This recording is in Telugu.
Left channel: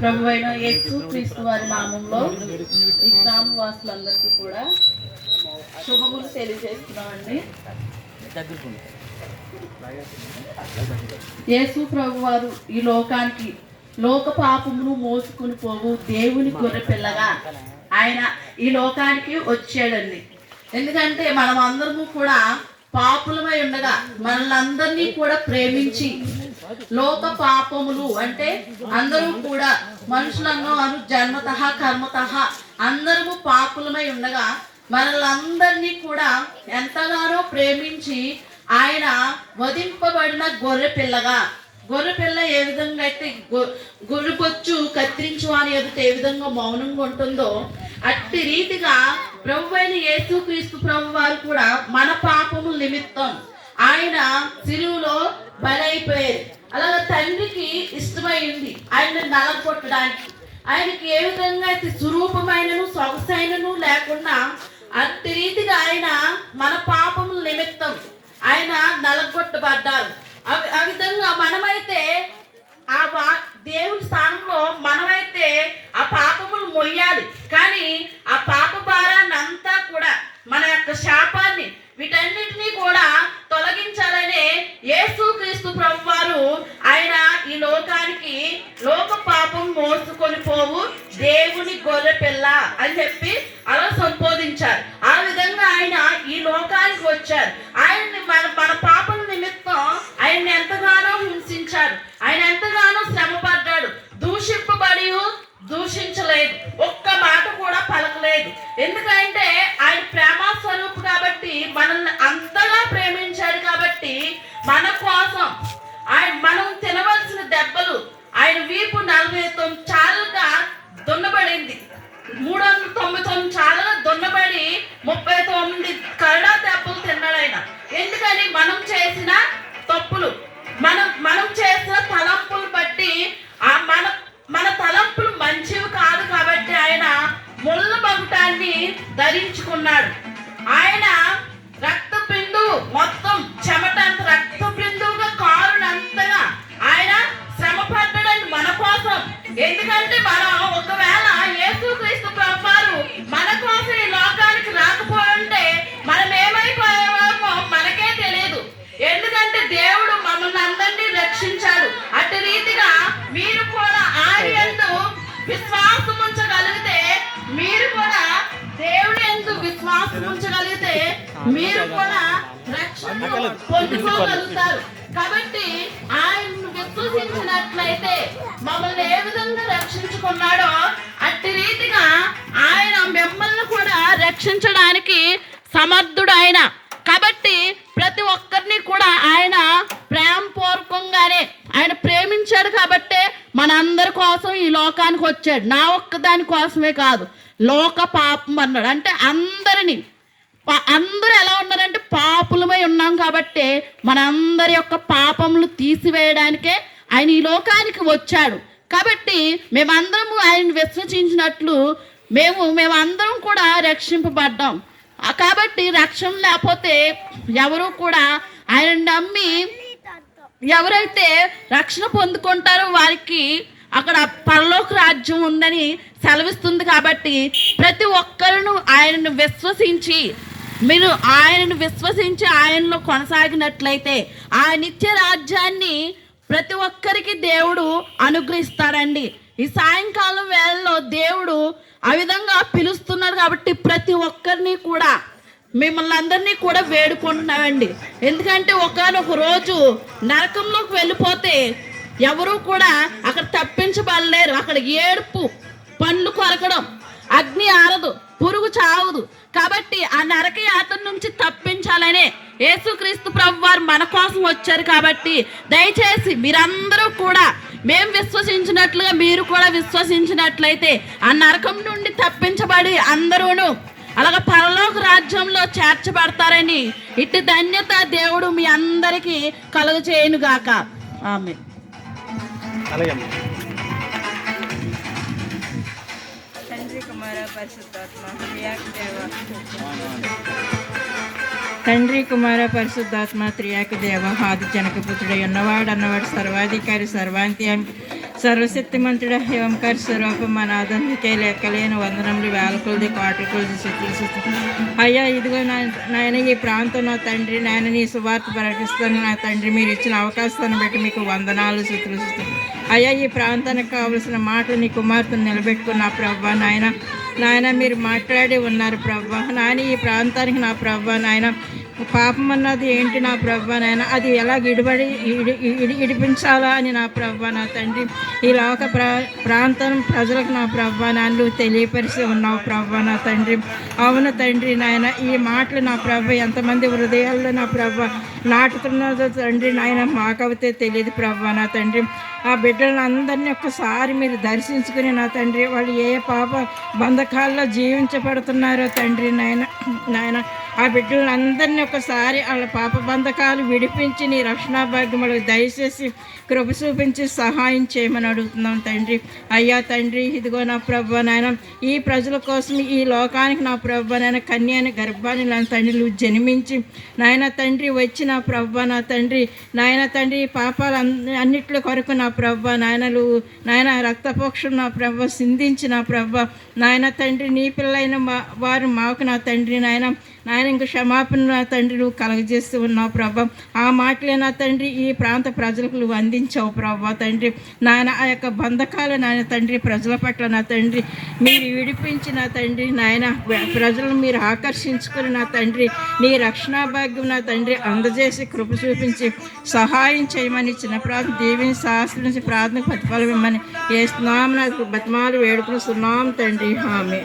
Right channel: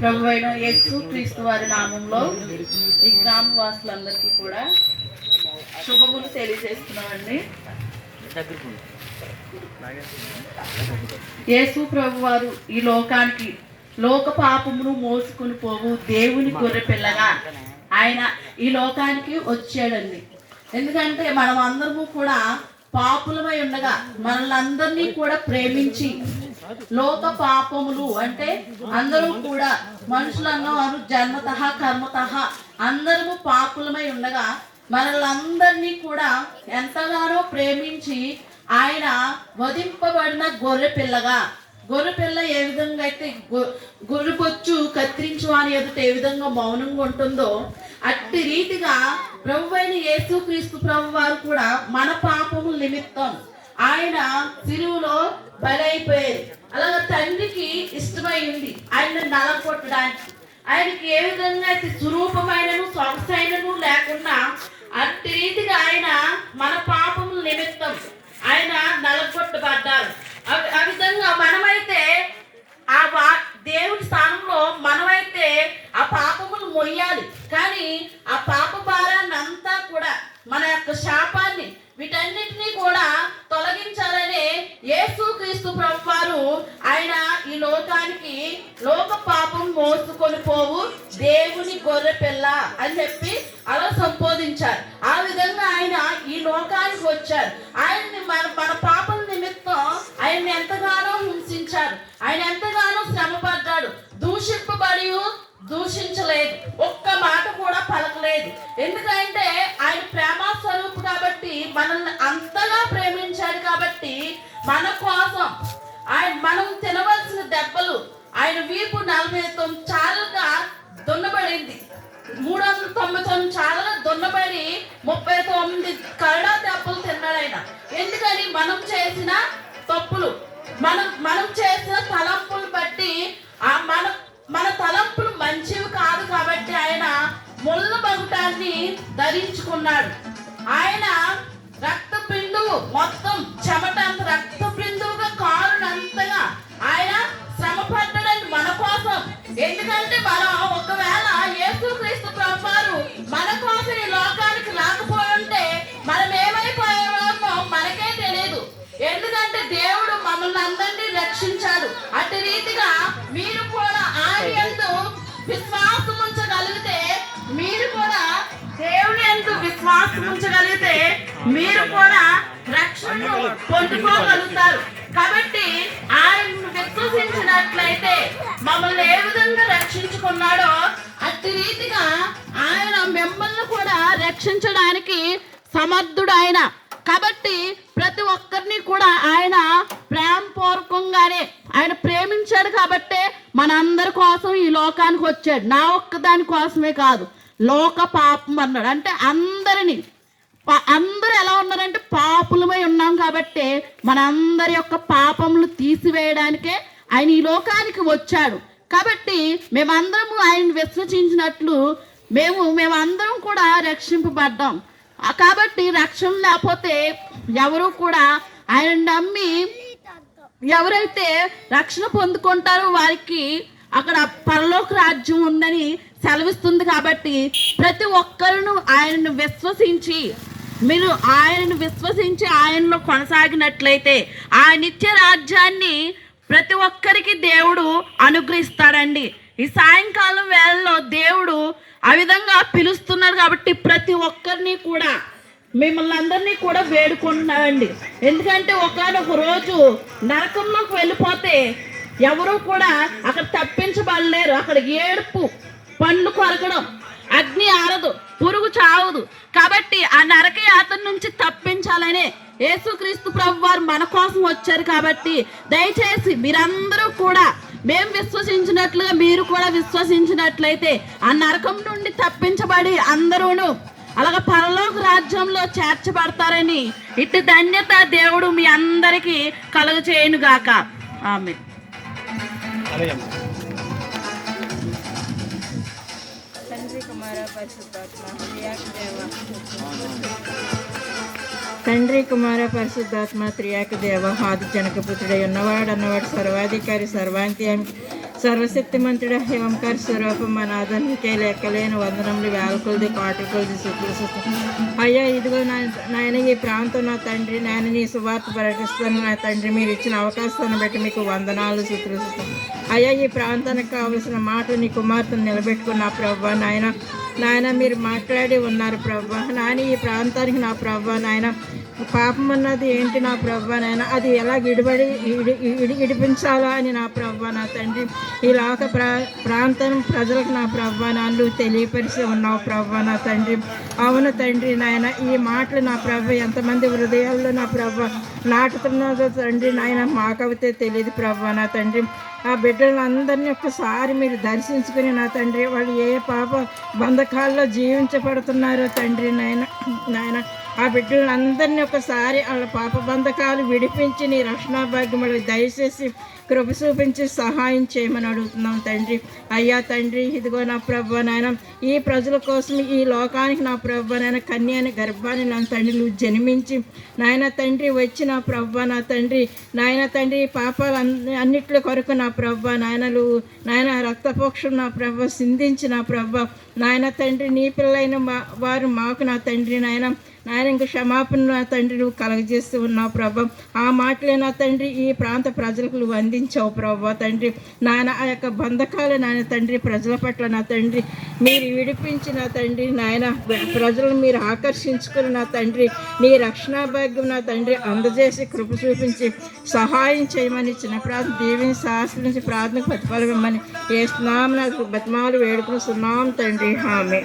ప్రభువైన యేసుక్రీస్తు వారి నామంలో ఈ గ్రామవాసులందరికీ కూడా శుభములు తెలియజేస్తున్నామండి. యేసు ప్రభు వారు ఈ లోకానికి లోక పాపమును మోసుకుని పోవు దేవుని గొర్రె పిల్లగా ఆయన ఈ లోకానికి వచ్చాడండి. ఎందుకంటే మనం అందరము కూడా పాపులమై ఉండగా మనల్ని కూడా ప్రేమించి లోక పాపములు అంటే అందరూ కూడా మనుషులను జన్మత కర్మత అందరము పాపులమై ఉండగా మనల్ని కూడా ఎంతగానో ప్రేమించి ఆయన వధింపబడిన గొర్రె పిల్లగా, గొర్రె పిల్ల ఏ విధంగా అయితే గొర్రె బొచ్చు కత్తిరించు అని ఎదుట ఏ విధంగా మౌనంగా ఉంటుందో అట్టి రీతిగా ప్రభువైన యేసుక్రీస్తు ప్రభు వారు కూడా మన పాపముల నిమిత్తం ఆయన సిలువలో బలైపోయారు. అలాగే తండ్రికి ఇష్టమైంది ఆయన నలగొట్టడానికి. ఆయనకి ఏ విధంగా అయితే స్వరూపమైనను సొగసైనను లేకుండా అట్టి రీతిగా ఆయన మన పాపముల నిమిత్తం ఆయన నలగొట్టబడ్డారు. ఆ విధంగా మనమైతే ఆ దేవుడి స్థానంలో మనమైతే ఆ పాపములు మొయ్యాలి. కానీ ఆ పాప భారాన్ని అంతా కూడా మన యొక్క శాపాన్ని వీటన్నిటినీ కూడా తొలగించాలనే యేసుక్రీస్తు ప్రభు వారు ఆయన ఈ లోకానికి లోక పాపం మోసుకొని పోవు దేవుని గొర్రె పిల్ల అని చెప్పి అలా సంబోధించారు. ఆ విధంగా ఆయన ఈ లోకానికి వచ్చారు. ఆయన్ని మన పాపం నిమిత్తం ఆయన్ని ఎంతగానో హింసించారు. ఆయన ఎంతగానో శ్రమ పడ్డాడు. దూషింపబడి దూషించలేదు, ఒక్క మాట కూడా పలకలేదు. ఎందుకంటే ఆయన ప్రేమ స్వరూపు కాబట్టి మనల్ని అంతగా ప్రేమించాడు. కాబట్టి మన కోసం మనం తినవలసిన దెబ్బలు ఆయన వీపు 49 చాలుగా దున్నబడింది. 399 చాలుగా దున్నబడి 39 కరడా దెబ్బలు తిన్నాడు ఆయన. ఎందుకని మనం చేసిన తప్పులు, మనం చేసిన తలంపులు బట్టి మన తలంపులు మంచివి కాదు కాబట్టి ఆయన ముళ్ళ బగుటాన్ని ధరించుకున్నాడు. ఆయన రక్తపిండు మొత్తం చెమటంత రక్తపిండుగా కారునంతగా ఆయన శ్రమ పడ్డాడండి మన కోసం. ఎందుకంటే మనం ఒకవేళ యేసుక్రీస్తు ప్రభు వారు మన కోసం ఈ లోకానికి రాకపోయింటే మనం ఏమైపోయేవామో మనకే తెలియదు. ఎందుకంటే దేవుడు మమ్మల్ని అందరినీ రక్షించాడు. అటు రీతిగా మీరు కూడా ఆయన యందు విశ్వాసం ఉంచగలిగితే, మీరు కూడా దేవుడి యందు విశ్వాసం ఉంచగలిగితే మీరు కూడా రక్షణను పొందుకోగలుగుతారు. కాబట్టి ఆయన్ను విశ్వసించినట్లయితే మమ్మల్ని ఏ విధంగా రక్షించుకున్నాడో అట్టి రీతిగా ఆయన మిమ్మల్ని కూడా రక్షించడానికి సమర్థుడు ఆయన. కాబట్టి ప్రతి ఒక్కరిని కూడా ఆయన ప్రేమపూర్వకంగానే ఆయన ప్రేమించాడు. కాబట్టే మనందరి కోసం ఈ లోకానికి వచ్చాడు. నా ఒక్కదాని కోసమే కాదు, లోక పాపం అన్నాడు. అంటే అందరూ ఎలా ఉన్నారంటే పాపులమై ఉన్నాం. కాబట్టి మనందరి యొక్క పాపములు తీసివేయడానికే ఆయన ఈ లోకానికి వచ్చాడు. కాబట్టి మేమందరము ఆయన విశ్వసించినట్లు మేమందరం కూడా రక్షింపబడ్డాం. కాబట్టి రక్షణ లేకపోతే ఎవరు కూడా ఆయన నమ్మి ఎవరైతే రక్షణ పొందుకుంటారో వారికి అక్కడ పరలోక రాజ్యం ఉందని సెలవిస్తుంది. కాబట్టి ప్రతి ఒక్కరును ఆయనను విశ్వసించి మీరు ఆయనను విశ్వసించి ఆయనలో కొనసాగినట్లయితే ఆ నిత్య రాజ్యాన్ని ప్రతి ఒక్కరికి దేవుడు అనుగ్రహిస్తాడండి. ఈ సాయంకాలం వేళలో దేవుడు ఆ విధంగా పిలుస్తున్నారు. కాబట్టి ప్రతి ఒక్కరిని కూడా మిమ్మల్ని అందరినీ కూడా వేడుకుంటున్నామండి. ఎందుకంటే ఒకానొక రోజు నరకంలోకి వెళ్ళిపోతే ఎవరు కూడా అక్కడ తప్పించబడలేరు. అక్కడ ఏడుపు, పండ్లు కొరకడం, అగ్ని ఆరదు, పురుగు చావదు. కాబట్టి ఆ నరక యాతన నుంచి తప్పించాలనే యేసుక్రీస్తు ప్రభు వారు మన కోసం వచ్చారు. కాబట్టి దయచేసి మీరందరూ కూడా మేము విశ్వసించినట్లుగా మీరు కూడా విశ్వసించినట్లయితే ఆ నరకం నుండి తప్పించబడి అందరూను అలాగే పరలోక రాజ్యంలో చేర్చబడతారని ఇట్టి ధన్యత దేవుడు మీ అందరికీ కలుగచేయును గాక. ఆమేన్. తండ్రి కుమార పరిశుద్ధాత్మ తండ్రి కుమార పరిశుద్ధాత్మ త్రియాక దేవ ఆది జనక పుత్రుడై ఉన్నవాడు అన్నవాడు సర్వాధికారి సర్వాంత్యామి సర్వశక్తిమంతుడ ఓంకార స్వరూపం మన అదనికే లెక్కలేని వందనములు వేల కొలది కోట్ల కొలది శుక్ల అయ్యా ఇదిగో నాయన ఈ ప్రాంతం నా తండ్రి నాయన నీ సువార్త ప్రకటిస్తాను నా తండ్రి మీరు ఇచ్చిన అవకాశాన్ని బట్టి మీకు వందనాలు శుక్ల అయ్యా ఈ ప్రాంతానికి కావలసిన మాటలు నీ కుమార్తెను నిలబెట్టుకున్న ప్రభా నాయన మీరు మాట్లాడి ఉన్నారు ప్రభా నాయన ఈ ప్రాంతానికి నా ప్రభా నాయన పాపం అన్నది ఏంటి నా ప్రభా నాయన అది ఎలా ఇడిపించాలా అని నా ప్రభా నా తండ్రి ఈ లోక ప్రాంతం ప్రజలకు నా ప్రభా నాయన తెలియపరిచి ఉన్నావు ప్రభా నా తండ్రి అవును తండ్రి నాయన ఈ మాటలు నా ప్రభా ఎంతమంది హృదయాల్లో నా ప్రభా నాటుతున్నదో తండ్రి నాయన మాకవితే తెలియదు ప్రభా నా తండ్రి ఆ బిడ్డలను అందరినీ ఒక్కసారి మీరు దర్శించుకుని నా తండ్రి వాళ్ళు ఏ పాప బంధకాల్లో జీవించబడుతున్నారో తండ్రి నాయన ఆ బిడ్డలను అందరినీ ఒకసారి వాళ్ళ పాప బంధకాలు విడిపించి నీ రక్షణ భాగ్యములకు దయచేసి కృప చూపించి సహాయం చేయమని అడుగుతున్నాం తండ్రి అయ్యా తండ్రి ఇదిగో నా ప్రభు నాయన ఈ ప్రజల కోసం ఈ లోకానికి నా ప్రభు నాయన కన్యాని గర్భాన్ని నా తండ్రి నువ్వు జన్మించి నాయన తండ్రి వచ్చి నా ప్రభు నా తండ్రి నాయన తండ్రి పాపాలు అన్నిటి కొరకు నా ప్రభు నాయనలు నాయన రక్తపోక్షలు నా ప్రభు సింధించి నా ప్రభు నాయన తండ్రి నీ పిల్లైన వారు మాకు నా తండ్రి నాయన ఇంక క్షమాపణ నా తండ్రి నువ్వు కలగజేస్తూ ఉన్నావు ప్రభా ఆ మాటలే నా తండ్రి ఈ ప్రాంత ప్రజలకు నువ్వు అందించావు ప్రభా తండ్రి నాయన ఆ యొక్క బంధకాలు నాయన తండ్రి ప్రజల పట్ల నా తండ్రి మీరు విడిపించి నా తండ్రి నాయన ప్రజలను మీరు ఆకర్షించుకుని నా తండ్రి నీ రక్షణ భాగ్యం నా తండ్రి అందజేసి కృప చూపించి సహాయం చేయమని చిన్న ప్రార్థన దేవిని శాస్త్రం నుంచి ప్రార్థన ప్రతిఫలం ఇమ్మని ఏ స్నామం బతిమాలు వేడుకుని సున్నాం తండ్రి ఆమె.